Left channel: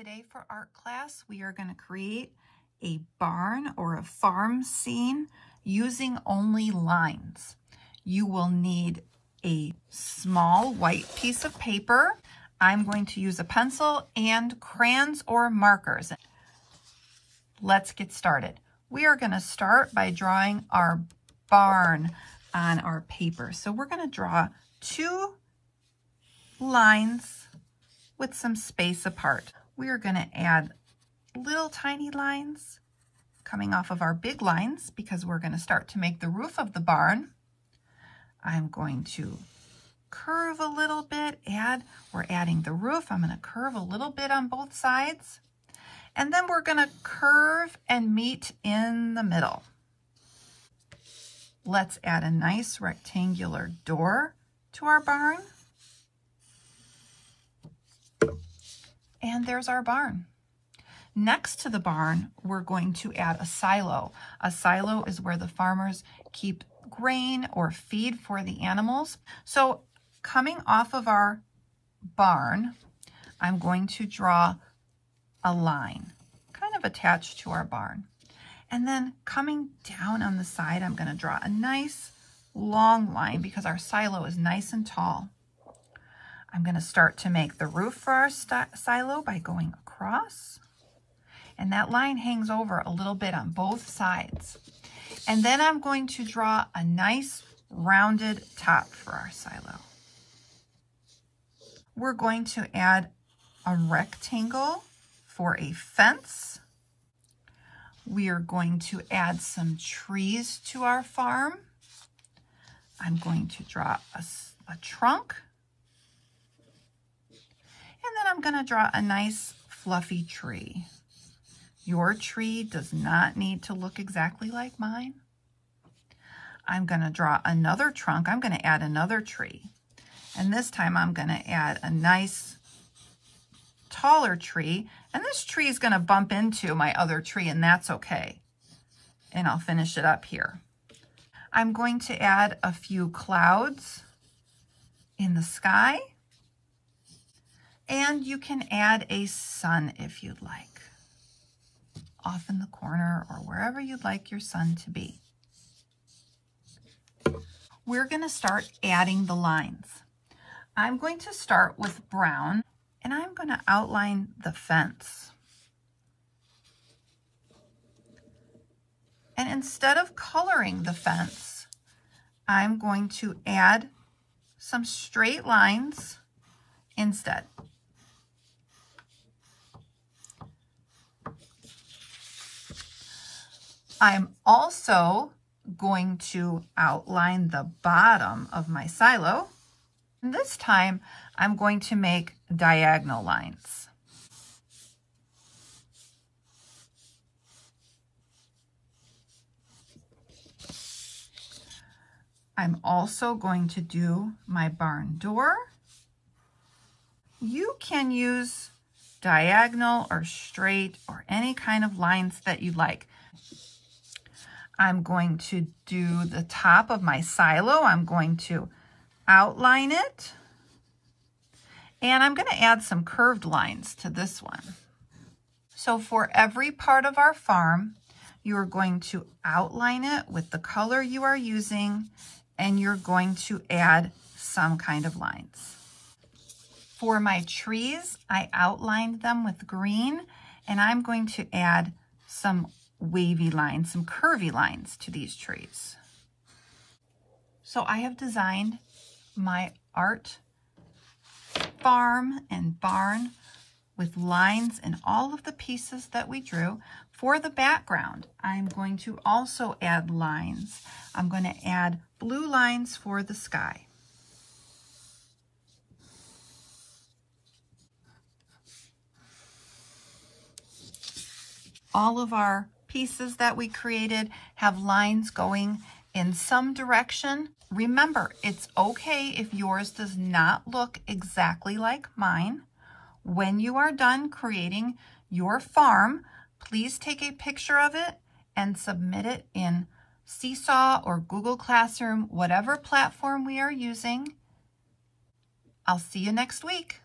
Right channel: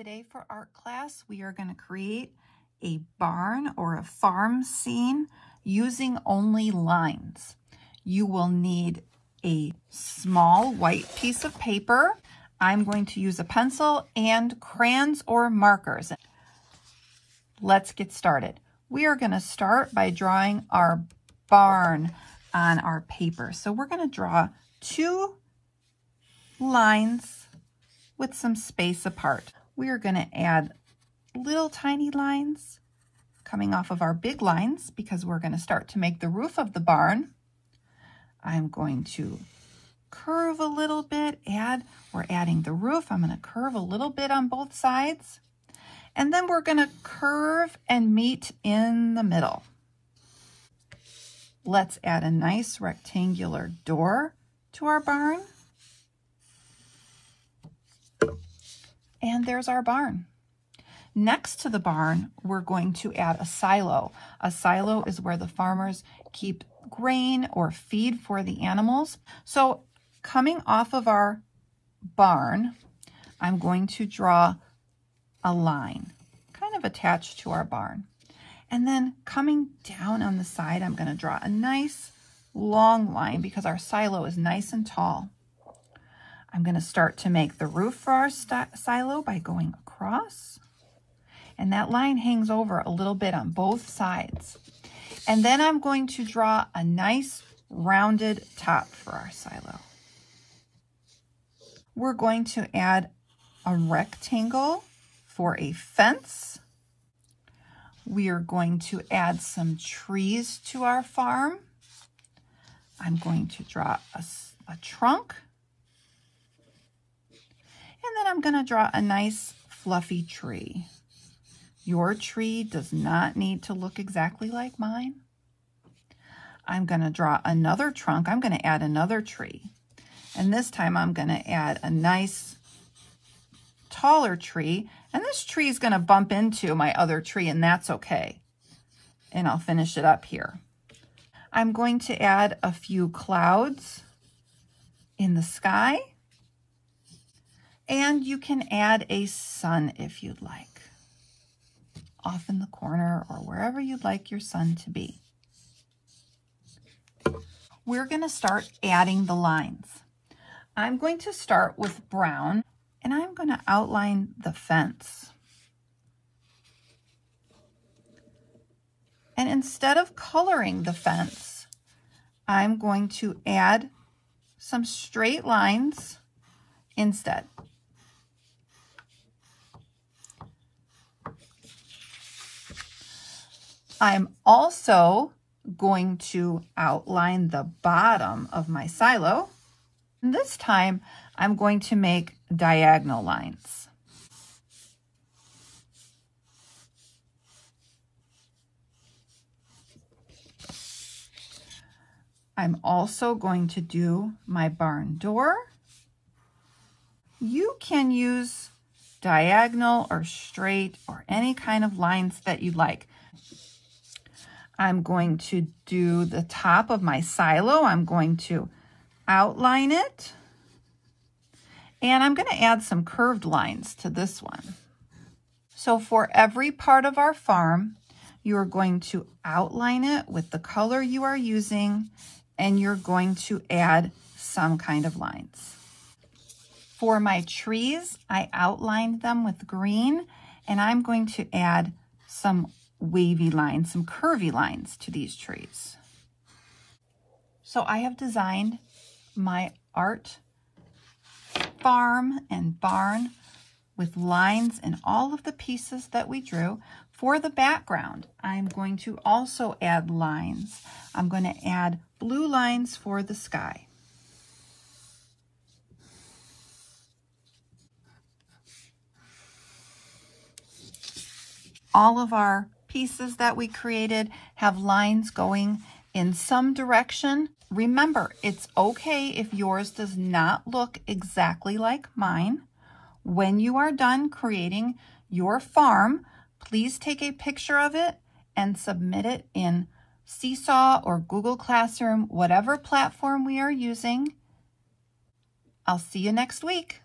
Today for art class, we are going to create a barn or a farm scene using only lines. You will need a small white piece of paper. I'm going to use a pencil and crayons or markers. Let's get started. We are going to start by drawing our barn on our paper. So we're going to draw 2 lines with some space apart. We are going to add little tiny lines coming off of our big lines because we're going to start to make the roof of the barn. I'm going to curve a little bit, we're adding the roof. I'm going to curve a little bit on both sides. And then we're going to curve and meet in the middle. Let's add a nice rectangular door to our barn. And there's our barn. Next to the barn, we're going to add a silo. A silo is where the farmers keep grain or feed for the animals. So coming off of our barn, I'm going to draw a line kind of attached to our barn. And then coming down on the side, I'm going to draw a nice long line because our silo is nice and tall. I'm going to start to make the roof for our silo by going across. And that line hangs over a little bit on both sides. And then I'm going to draw a nice rounded top for our silo. We're going to add a rectangle for a fence. We are going to add some trees to our farm. I'm going to draw a trunk. And then I'm going to draw a nice fluffy tree. Your tree does not need to look exactly like mine. I'm going to draw another trunk. I'm going to add another tree. And this time I'm going to add a nice taller tree. And this tree is going to bump into my other tree, and that's okay. And I'll finish it up here. I'm going to add a few clouds in the sky. And you can add a sun if you'd like, off in the corner or wherever you'd like your sun to be. We're going to start adding the lines. I'm going to start with brown, and I'm going to outline the fence. And instead of coloring the fence, I'm going to add some straight lines instead. I'm also going to outline the bottom of my silo. And this time, I'm going to make diagonal lines. I'm also going to do my barn door. You can use diagonal or straight or any kind of lines that you like. I'm going to do the top of my silo. I'm going to outline it. And I'm going to add some curved lines to this one. So for every part of our farm, you are going to outline it with the color you are using, and you're going to add some kind of lines. For my trees, I outlined them with green, and I'm going to add some wavy lines, some curvy lines to these trees. So I have designed my art farm and barn with lines in all of the pieces that we drew. For the background, I'm going to also add lines. I'm going to add blue lines for the sky. All of our pieces that we created have lines going in some direction. Remember, it's okay if yours does not look exactly like mine. When you are done creating your farm, please take a picture of it and submit it in Seesaw or Google Classroom, whatever platform we are using. I'll see you next week.